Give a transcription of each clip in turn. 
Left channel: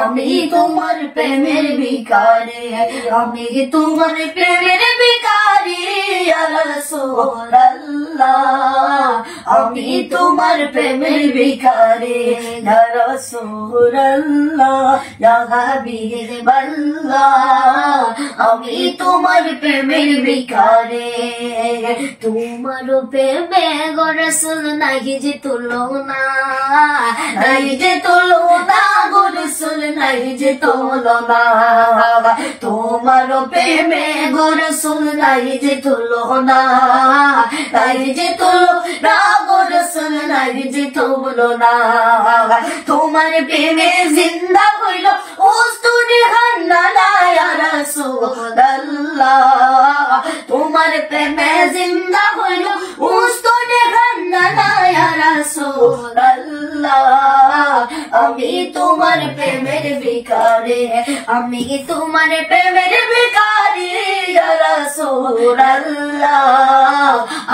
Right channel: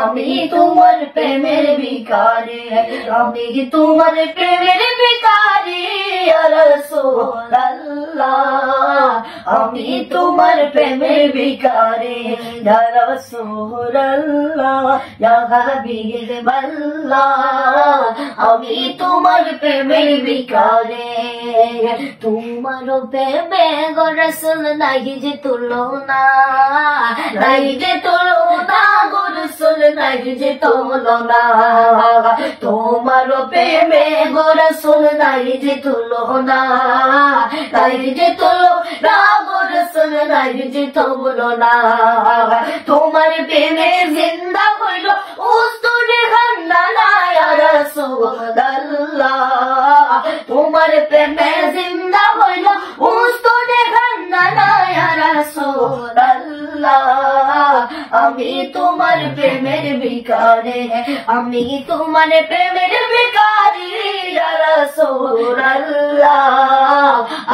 আমি তোমার প্রেমের ভিখারি, আমি তোমার প্রেমের ভিখারি ইয়া রাসূলুল্লাহ, আমি তোমার প্রেমের ভিখারি ইয়া রাসূলুল্লাহ, ইয়া হাবিবাল্লাহ, আমি তোমার প্রেমের ভিখারি। তোমার প্রেমে গো রাসূল নাই যে তুলনা, নাই যে তুলনা গো রাসূল নাই যে তুলনা, তোমার প্রেমে গো রাসূল নাই যে তুলনা, নাই যে তুলনা গো রাসূল নাই যে তুলনা, তোমার প্রেমে জিন্দা হইল উস্তুরে খানদানা ইয়া রাসূলুল্লাহ, তোমার প্রেমে জিন্দা হইল উস্তুরে খানদানা ইয়া রাসূলুল্লাহ, আমি তোমার প্রেমের ভিখারি, আমি তোমার প্রেমের ভিখারি ইয়া রাসূলুল্লাহ,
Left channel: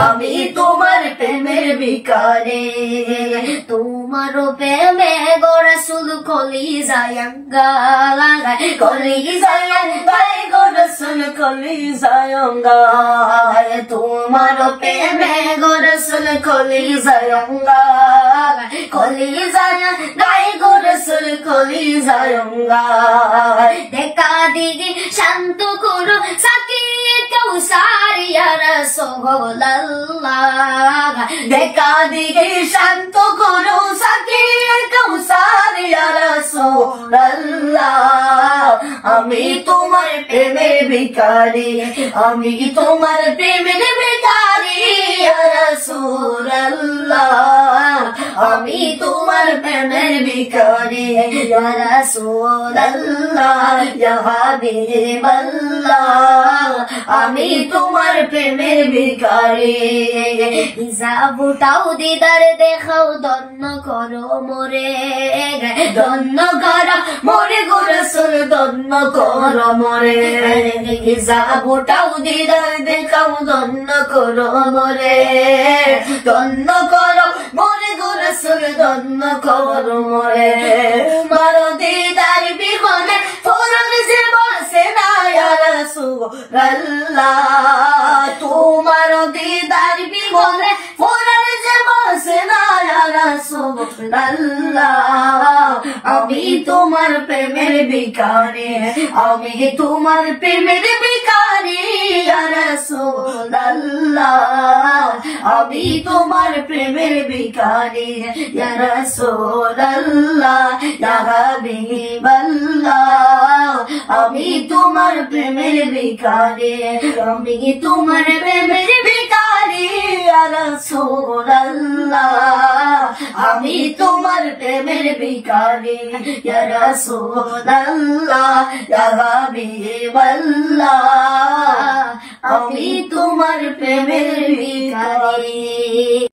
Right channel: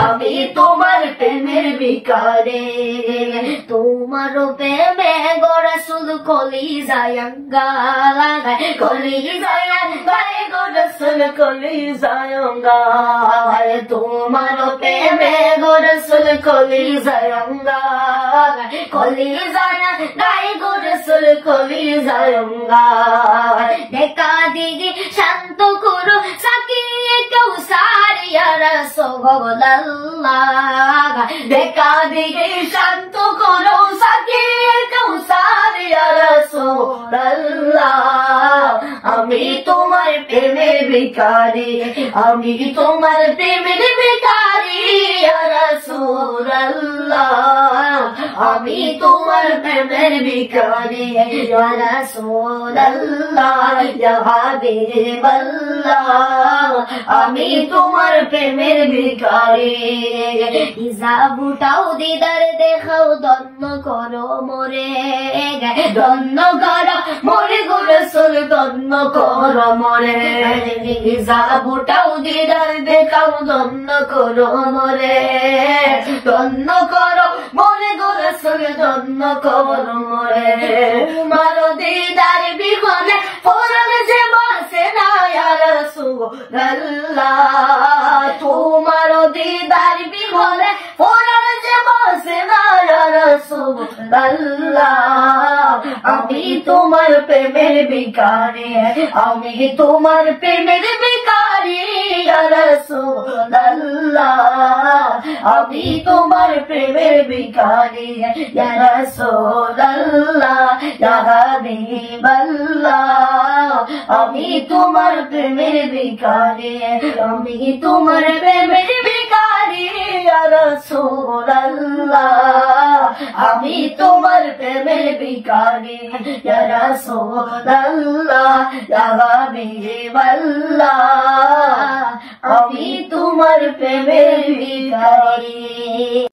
আমি তোমার প্রেমের ভিখারি। তোমার প্রেমে গো রাসূল কলিজায় আঙ্গায়, কলিজায় আঙ্গায় গো রাসূল কলিজায় আঙ্গায়, তোমার প্রেমে গো রাসূল কলিজায় আঙ্গায়, কলিজায় আঙ্গায় গো রাসূল কলিজায় আঙ্গায়, দেখা দিগি শান্ত করো সাকিয়ে কৌসার ইয়া রাসূলুল্লাহ, দেখা দিগি শান্ত করো সাকিয়ে কৌসার ইয়া রাসূলুল্লাহ, আমি তোমার প্রেমের ভিখারি, আমি তোমার প্রেমের ভিখারি ইয়া রাসূলুল্লাহ, আমি তোমার প্রেমের ভিখারি ইয়া রাসূলুল্লাহ, ইয়া হাবিবাল্লাহ, আমি তোমার প্রেমের ভিখারি। হিজাব উঠাও দিদার দেখাও ধন্য করো মোরে, ধন্য করো মোরে গো রাসূল ধন্য করো মোরে, হিজাব উঠাও দিদার দেখাও ধন্য করো মোরে, ধন্য করো মোরে গো রাসূল ধন্য করো মোরে, মারো দিদার বিহনে ফরন যে বসে না ইয়া রাসূলুল্লাহ, তোমার দিদার বিহনে ফরন যে বসে না ইয়া রাসূলুল্লাহ, আমি তোমার প্রেমের ভিখারি, আমি তোমার প্রেমের ভিখারি ইয়া রাসূলুল্লাহ, আমি তোমার প্রেমের ভিখারি ইয়া রাসূলুল্লাহ, ইয়া হাবিবাল্লাহ, আমি তোমার প্রেমের ভিখারি, আমি তোমার প্রেমের ভিখারি ইয়া রাসূলুল্লাহ, আমি তোমার প্রেমের ভিখারি ইয়া রাসূলুল্লাহ, ইয়া হাবিবাল্লাহ, আমি তোমার প্রেমের ভিখারি।